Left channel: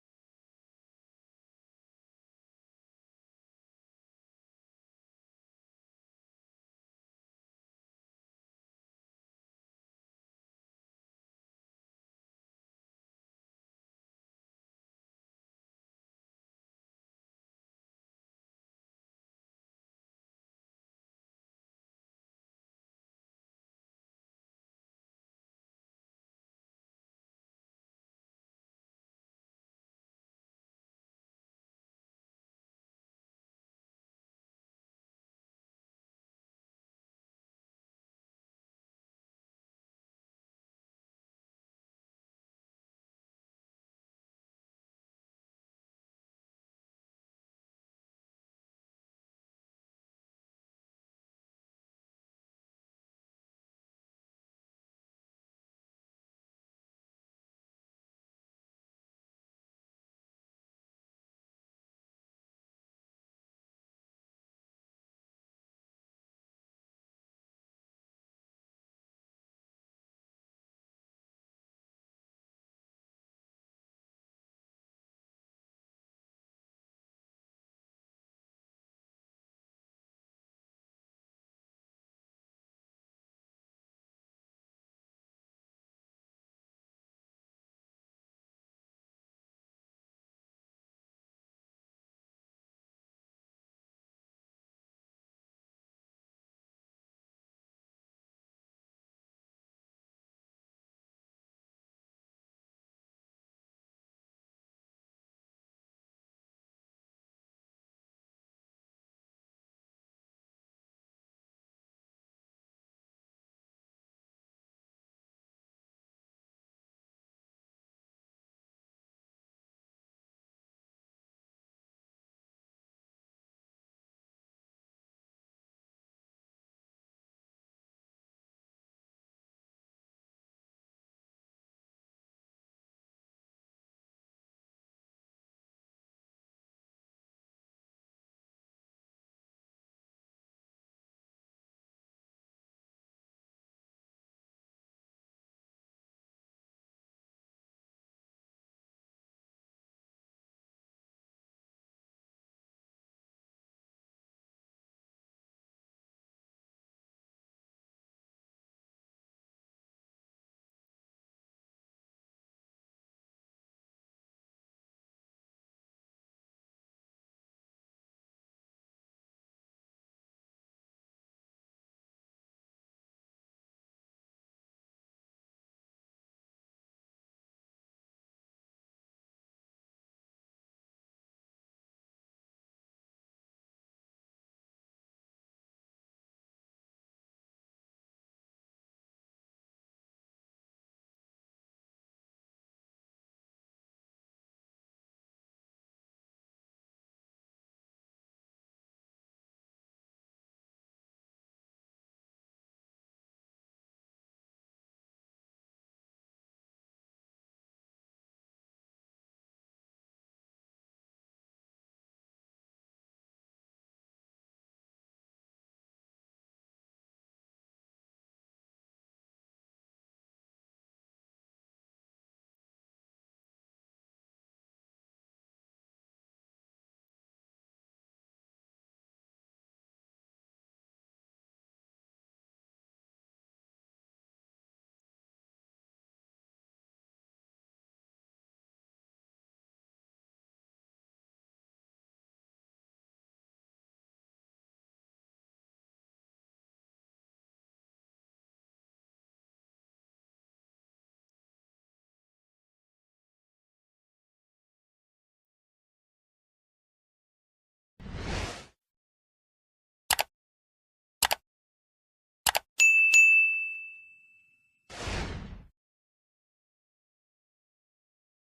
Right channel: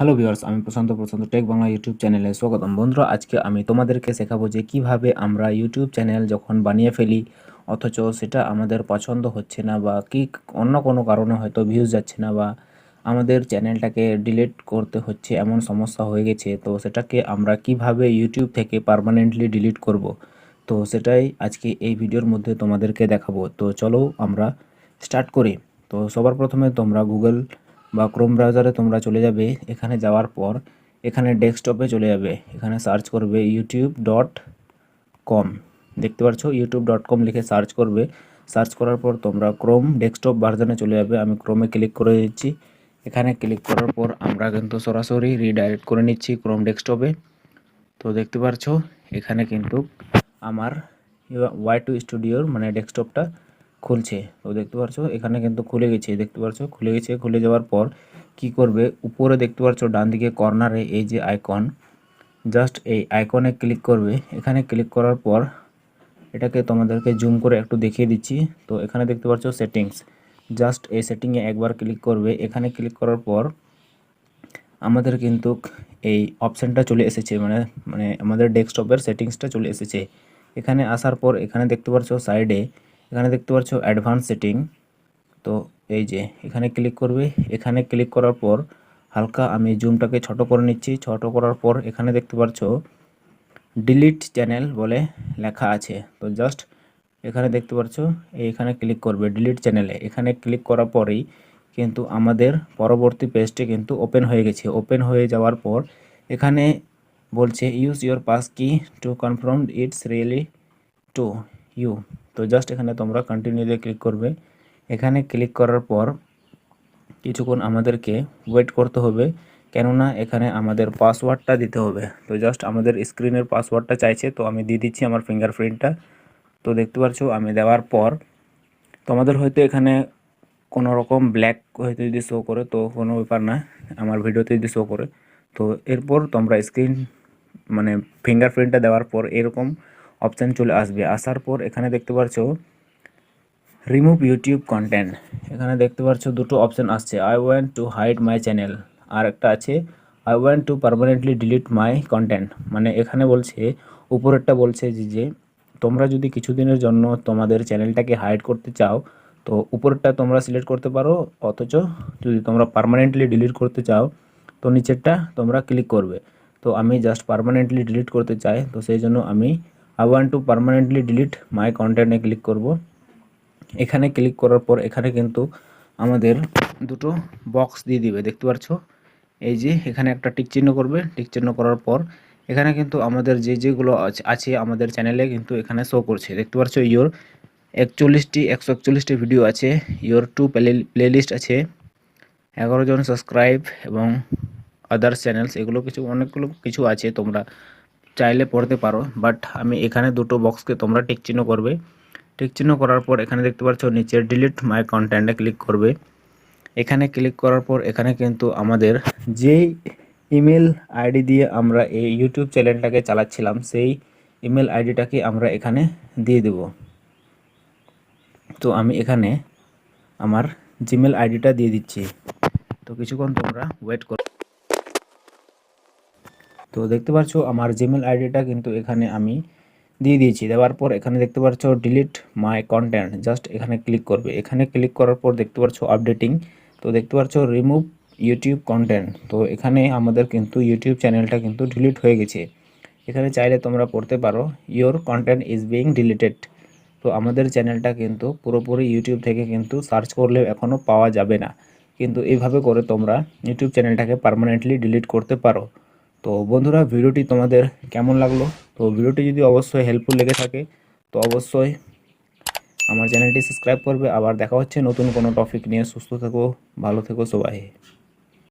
Hello viewers, আমি প্রশান্ত take Bangla YouTube চ্যানেলে স্বাগতম। বন্ধুরা, আজকে আমি তোমাদেরকে শেখাবো যে কিভাবে আমরা ইউটিউব চ্যানেল যখন বানিয়ে ফেলি অথচ সেটা আমাদের পছন্দ হচ্ছে না বা অন্য কোনো কারণে হয়তো ভিউজ যাচ্ছে না বা আমাদের চ্যানেলটাকে ডিলিট করতে হচ্ছে, এমন সমস্যা হয়ে গেছে। তো সেটাকে আমরা কিভাবে ইউটিউব থেকে পার্মানেন্টলি ডিলিট করব, তো সেটাই আজকে এই ভিডিওর মধ্যে তোমাদেরকে দেখাবো। তো চলো আমরা স্টার্ট করি। তো সবার প্রথমে তোমরা গুগল বা ক্রোম ব্রাউজারে তোমরা চলে যাবে। এখানে যাওয়ার পর এখানে ডেস্কটপে চলে যাবে, এখানে সার্চ করবে youtube.com। দেখতে পাচ্ছ youtube.com লিখে সার্চ করবে। সার্চ করার পর তোমরা ক্রোম ডেস্কটপ ভার্জনে চলে যাবে। আমি ক্রোমে ক্লিক করে দিচ্ছি। এখানে ক্লিক করার পর আমরা কিন্তু সরাসরি রিডাইরেক্ট করে নিচ্ছি ক্রোম ডেস্কটপে। তো দেখতে পাচ্ছ এখানে কিন্তু আমার ওয়াই2 স্টুডিওর মানে ডেস্কটপটা খুলছে। তো দেখতে পাচ্ছ এখানে কিন্তু খুলে গেছে, দেখতে পাচ্ছ খুলে গেছে। খুলে যাওয়ার পর কি করবে, উপরে দেখতে পাচ্ছ ডান দিকে কর্নারে এই যে আইকন, জাস্ট এই আইকনে ক্লিক করবে। এখানে ক্লিক করার পর এটাকে তোমাদেরকে জুম করে একটু দেখিয়ে দিচ্ছি। তো এখানে দেখতে পাচ্ছ সেটিংস, জাস্ট এই সেটিংয়ে একবার ক্লিক করবে। এখানে ক্লিক করার পর আমাদের কিন্তু এই অপশানটা চলে এসেছে, মানে মানে আমাদের ডেস্কটপের সেটিংসটা চলে এসেছে। এখানে আসার পর এখানে দেখতে পাচ্ছ সাইডে, এখানে দেখতে পাচ্ছ অ্যাডভান্স সেটিং। তো এই যে এখানে ক্লিক করবে। এখানে ক্লিক করার পর হালকা আমি জুমটাকে ছোট করে নিচ্ছি। ছোট করার পর এখানে দেখতে পাচ্ছ ডিলিট চ্যানেল বলে লেখা আছে। তো জাস্ট এখানে দেখতে পাচ্ছ এইখানে ক্লিক করবে ডিলিট চ্যানেলে। এখানে ক্লিক করার পরেই কিন্তু আমাদের পরবর্তী পেজটি কিন্তু ওপেন হয়ে গেছে। ওপেন হয়ে যাওয়ার পর এখানে বলছে use your passkey to confirm it's really to you. তো জাস্ট এখানে তোমরা কন্টিনিউ দিয়ে ক্লিক করবে। এখানে ক্লিক করার পর কিছুক্ষণ আমাদেরকে ওয়েট করতে হবে, কেননা এখানে আমাদের পাসওয়ার্ডটা দিতে হবে। তো জাস্ট আমাদের স্ক্রিনের পাসওয়ার্ডটা চাইছে, তো আমি দিয়ে দিচ্ছি আমার ফিঙ্গারপ্রিন্টটা। তো দেখতে পাচ্ছ আমি দেওয়ার পর তোমাদের হয়তো এখানে কোনো রকম ব্ল্যাক হয়তো যদি শো করে তো কোনো ব্যাপার না, আমার ভিডিওতে যদি শো করে। তো এরপর তোমরা স্ক্রিন মানে ফিঙ্গারপ্রিন্টটা দেওয়ার পর এরকম অপশান চলে আসবে। আসার পর এখানে দেখতে পাচ্ছ রিমুভ ইউটিউব কন্টেন্ট। এখানে দেখতে পাচ্ছ দুটো অপশান আসছে, I want to hide my channel, আর একটা আছে I want to permanently delete my content. মানে এখানে বলছে, উপরেরটা বলছে যে তোমরা যদি কিছুদিনের জন্য তোমাদের চ্যানেলটাকে হাইড করতে চাও তো উপরেরটা তোমরা সিলেক্ট করতে পারো, অথচ যদি তোমরা পার্মানেন্টলি ডিলিট করতে চাও তো নিচেরটা তোমরা ক্লিক করবে। তো আমি জাস্ট পার্মানেন্টলি ডিলিট করতে চাই, তো সেই জন্য আমি I want to permanently delete my কন্টেন্টে ক্লিক করব। এখানে ক্লিক করার পর এখানে কিন্তু আমাদের দুটো বক্স দিয়ে দিবে, দেখতে পাচ্ছ এই যে এখানে একটা টিক চিহ্ন করবে। টিক চিহ্ন করার পর এখানে কিন্তু আমাদের যেগুলো আছে আমাদের চ্যানেলে কিন্তু এখানে শো করছে। দেখতে পাচ্ছ ইয়োর 141টি ভিডিও আছে, ইয়োর 2 প্লেলিস্ট আছে, 11 জন সাবস্ক্রাইব এবং আদার্স চ্যানেলস, এগুলো কিছু অনেকগুলো কিছু আছে, তোমরা চাইলে পড়তে পারো। বাট আমি এখানে দুটো বক্সকে তোমরা টিক চিহ্ন করবে। টিক চিহ্ন করার পর এখানে দেখতে পাচ্ছ নিচে ডিলিট মাই কন্টেন্টে ক্লিক করবে। এখানে ক্লিক করার পর এখানে কিন্তু আমাদের যেই ইমেল আইডি দিয়ে আমরা এই ইউটিউব চ্যানেলটাকে চালাচ্ছিলাম সেই ইমেল আইডিটাকে আমরা এখানে দিয়ে দেব। তো আমি এখানে আমার জিমেল আইডিটা দিয়ে দিচ্ছি। তো কিছুক্ষণ তোমরা ওয়েট করো। তো দেখতে পাচ্ছ আমার জিমেল আইডিটা কিন্তু এখানে আমি দিয়ে দিয়েছি। দেওয়ার পর এখানে দেখতে পাচ্ছ ডিলিট মাই কন্টেন্ট, জাস্ট এখানে ক্লিক করবে। এখানে ক্লিক করার পর দেখতে পাচ্ছ আপডেটিং। তো দেখতে পাচ্ছ রিমুভ ইউটিউব কন্টেন্ট। তো এখানে আমাদের কিন্তু ইউটিউব চ্যানেলটা কিন্তু ডিলিট হয়ে গেছে। এখানে চাইলে তোমরা পড়তে পারো your content is being deleted. তো আমাদের চ্যানেলটা কিন্তু পুরোপুরি ইউটিউব থেকে কিন্তু সার্চ করলেও এখনও পাওয়া যাবে না, কিন্তু এইভাবে করে তোমরা ইউটিউব চ্যানেলটাকে পার্মানেন্টলি ডিলিট করতে পারো। তো বন্ধুরা, ভিডিওটি তোমাদের কেমন লাগলো? তো ভিডিওটি যদি অবশ্যই হেল্পফুল লেগে থাকে তো অবশ্যই আমার চ্যানেলটি সাবস্ক্রাইব করবে। আবার দেখা হচ্ছে নতুন কোনো টপিক নিয়ে। সুস্থ থেকো, ভালো থেকো সবাই।